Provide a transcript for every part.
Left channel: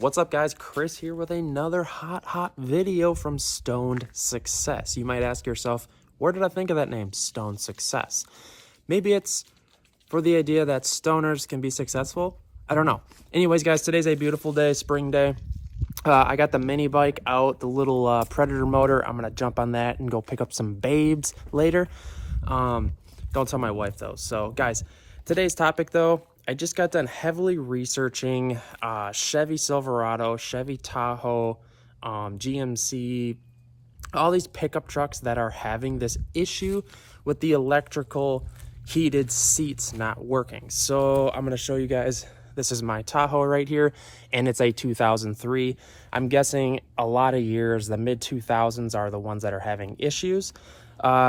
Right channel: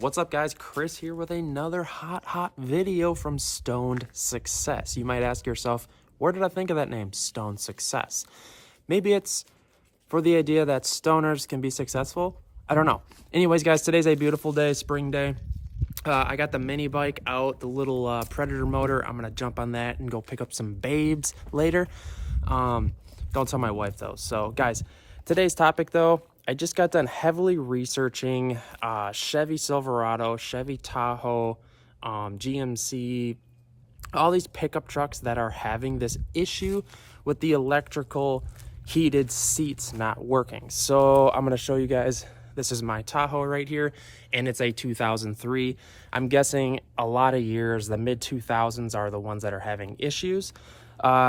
What's up, guys? Chris here with another hot video from Stoned Success. You might ask yourself, where did I think of that name, Stoned Success? Maybe it's for the idea that stoners can be successful. I don't know. Anyways, guys, today's a beautiful day, spring day. I got the mini bike out, the little Predator motor. I'm gonna jump on that and go pick up some babes later. Don't tell my wife though. So guys, today's topic though, I just got done heavily researching Chevy Silverado, Chevy Tahoe, GMC, all these pickup trucks that are having this issue with the electrical heated seats not working. So I'm going to show you guys, this is my Tahoe right here, and it's a 2003. I'm guessing a lot of years, the mid 2000s are the ones that are having issues.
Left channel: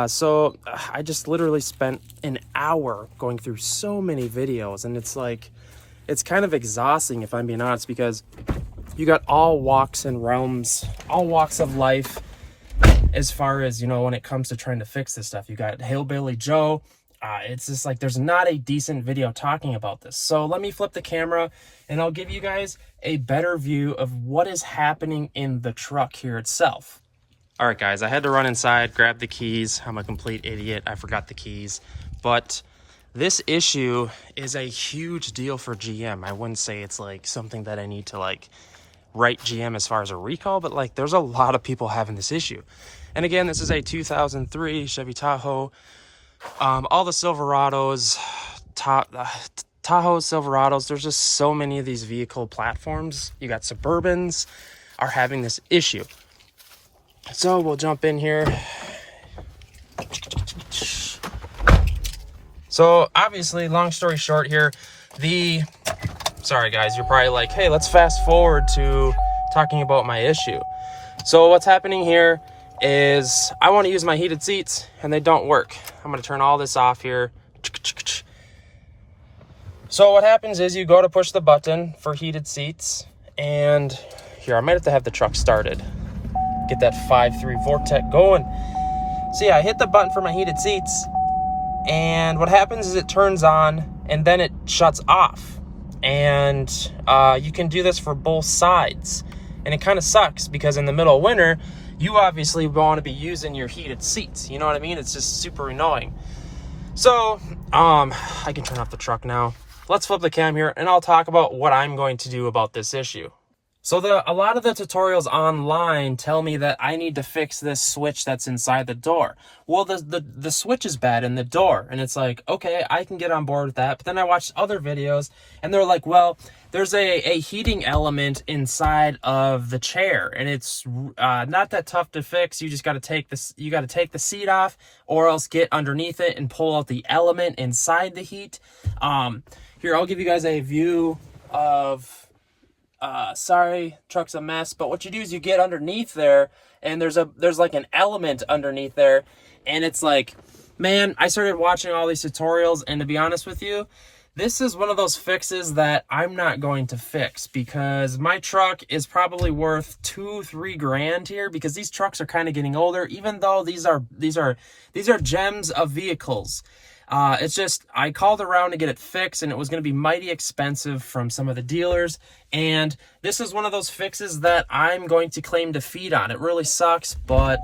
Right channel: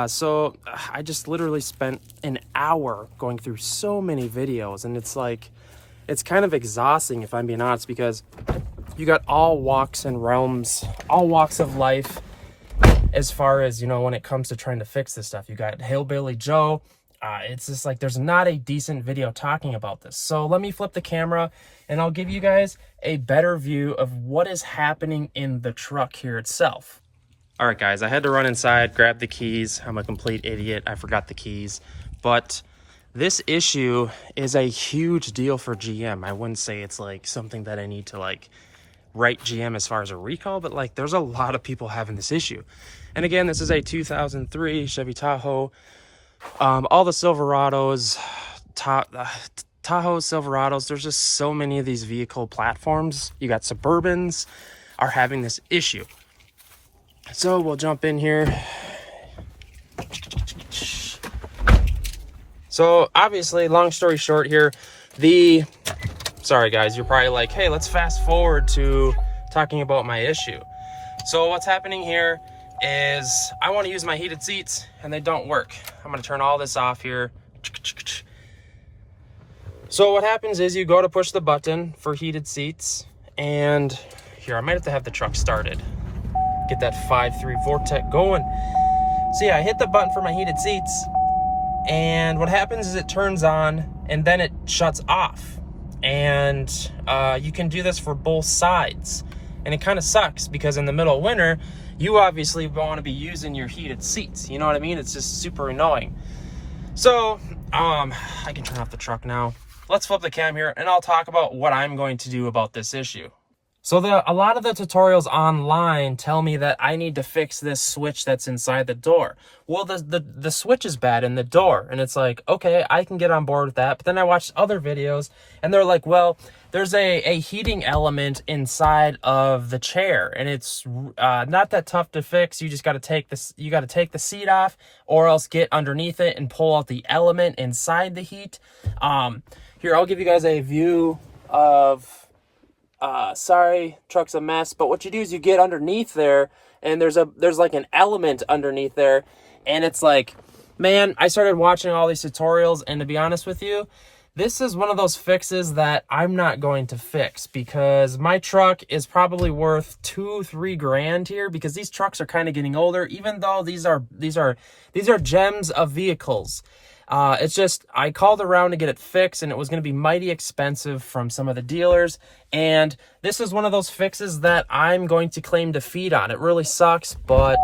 So I just literally spent an hour going through so many videos, and it's like, it's kind of exhausting if I'm being honest, because you got all walks and realms, all walks of life as far as, you know, when it comes to trying to fix this stuff. You got Hillbilly Joe. It's just like, there's not a decent video talking about this. So let me flip the camera and I'll give you guys a better view of what is happening in the truck here itself. All right, guys, I had to run inside, grab the keys. I'm a complete idiot. I forgot the keys. But this issue is a huge deal for GM. I wouldn't say it's like something that I need to like write GM as far as a recall, but like there's a lot of people having this issue. And again, this is a 2003 Chevy Tahoe. All the Silverados, Tahoe Silverados, there's just so many of these vehicle platforms. You got Suburbans are having this issue. So we'll jump in here. So obviously, long story short here, sorry guys, you're probably like, hey, let's fast forward to talking about my issue. So what's happening here is I want to use my heated seats and they don't work. I'm going to turn all this off here. So what happens is you go to push the button for heated seats, and here, I might have the truck started. Get that 5.3 Vortec going. So yeah, I hit the button for my heated seats, and what happens is it turns on and then it shuts off. And you can do this for both sides. And it kind of sucks because in the middle of winter, you obviously want to be using your heated seats. You know what I mean? It's just super annoying. So I can turn off the truck now. Let's flip the cam here and I'll talk about what I'm going to do about this issue. So a lot of the tutorials online tell me that I need to fix this switch that's inside the door. Well, the switch is bad in the door, and it's like, okay, I can get on board with that. But then I watched other videos and they're like, well, there's a heating element inside of the chair, and it's not that tough to fix. You just got to take this, you got to take the seat off, or else get underneath it and pull out the element inside the heat. Here, I'll give you guys a view of, sorry, truck's a mess, but what you do is you get underneath there, and there's like an element underneath there, and it's like, man, I started watching all these tutorials, and to be honest with you, this is one of those fixes that I'm not going to fix, because my truck is probably worth $2-3 grand here, because these trucks are kind of getting older, even though these are gems of vehicles. It's just, I called around to get it fixed, and it was going to be mighty expensive from some of the dealers. And this is one of those fixes that I'm going to claim defeat on. It really sucks, but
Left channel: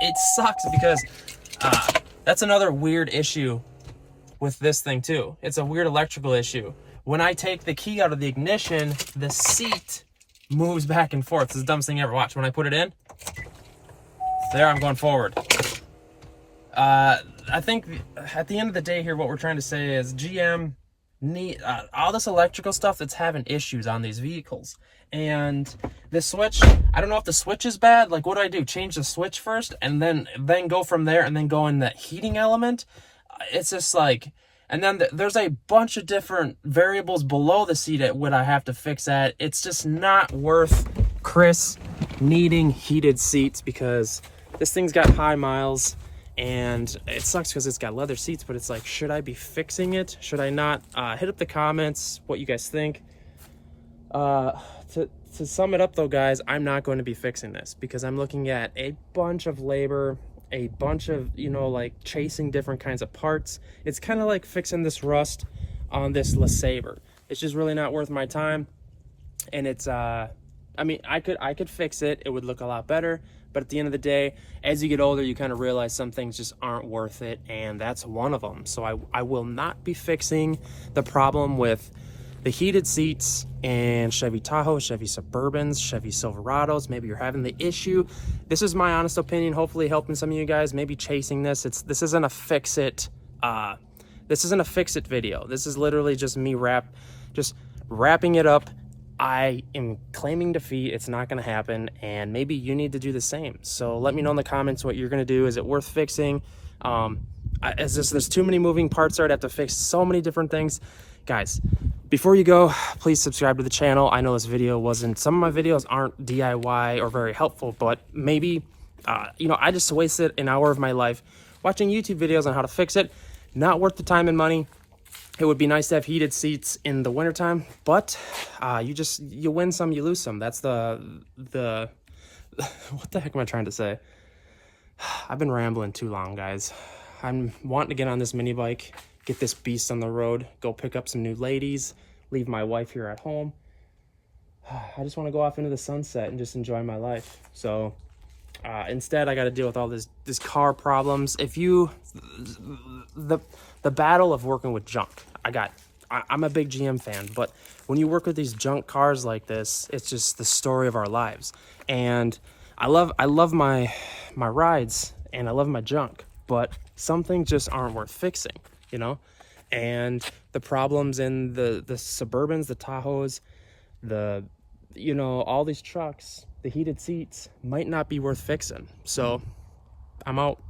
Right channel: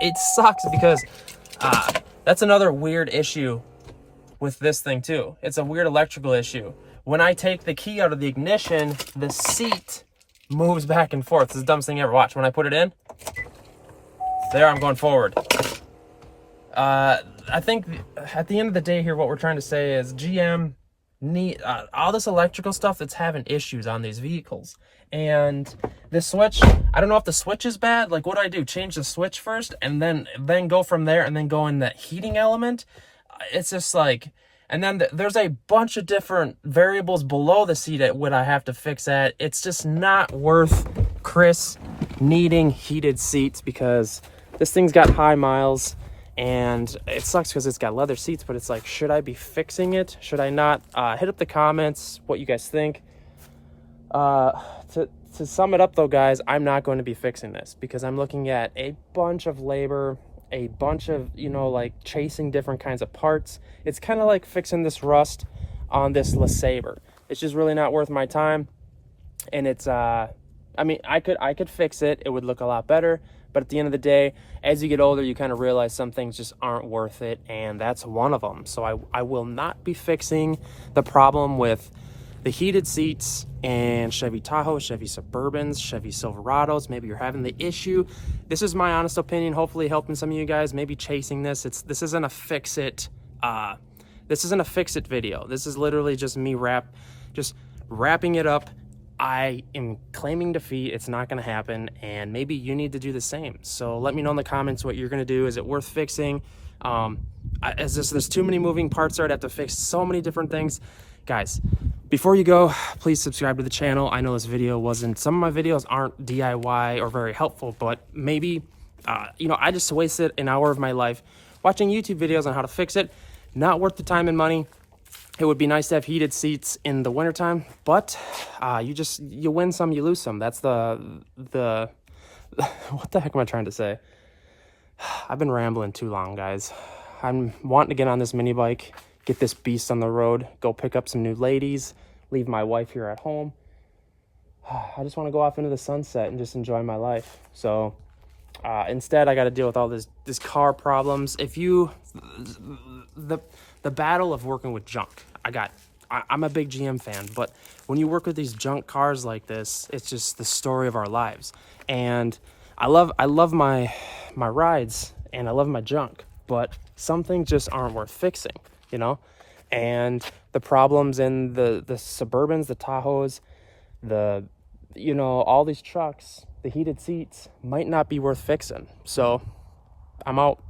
it sucks because that's another weird issue with this thing too. It's a weird electrical issue. When I take the key out of the ignition, the seat moves back and forth. It's the dumbest thing you ever watched. When I put it in, there, I'm going forward. I think at the end of the day here, what we're trying to say is GM need all this electrical stuff that's having issues on these vehicles. And the switch, I don't know if the switch is bad. Like, what do? Change the switch first and then go from there and then go in that heating element? It's just like, and then there's a bunch of different variables below the seat at what I have to fix at. It's just not worth Chris needing heated seats, because this thing's got high miles. And it sucks because it's got leather seats, but it's like, should I be fixing it? Should I not? Hit up the comments what you guys think. To sum it up though, guys, I'm not going to be fixing this, because I'm looking at a bunch of labor, a bunch of, you know, like chasing different kinds of parts. It's kind of like fixing this rust on this LeSabre. It's just really not worth my time. and it's I mean, I could fix it. It would look a lot better. But at the end of the day, as you get older, you kind of realize some things just aren't worth it, and that's one of them. So I will not be fixing the problem with the heated seats and Chevy Tahoe, Chevy Suburbans, Chevy Silverados. Maybe you're having the issue. This is my honest opinion, hopefully helping some of you guys, maybe chasing this. This isn't a fix it video. This is literally just me just wrapping it up. I am claiming defeat. It's not going to happen, and maybe you need to do the same. So let me know in the comments what you're going to do. Is it worth fixing? There's too many moving parts there. I'd have to fix so many different things. Guys, before you go, please subscribe to the channel. I know this video wasn't, some of my videos aren't DIY or very helpful, but maybe, you know, I just wasted an hour of my life watching YouTube videos on how to fix it. Not worth the time and money. It would be nice to have heated seats in the wintertime, but you win some, you lose some. That's the what the heck am I trying to say? I've been rambling too long, guys. I'm wanting to get on this mini bike, get this beast on the road, go pick up some new ladies, leave my wife here at home. I just want to go off into the sunset and just enjoy my life. So instead, I got to deal with all this car problems. The battle of working with junk. I'm a big GM fan, but when you work with these junk cars like this, it's just the story of our lives. And I love my rides, and I love my junk, but some things just aren't worth fixing, you know? And the problems in the Suburbans, the Tahoes, all these trucks, the heated seats might not be worth fixing. So I'm out.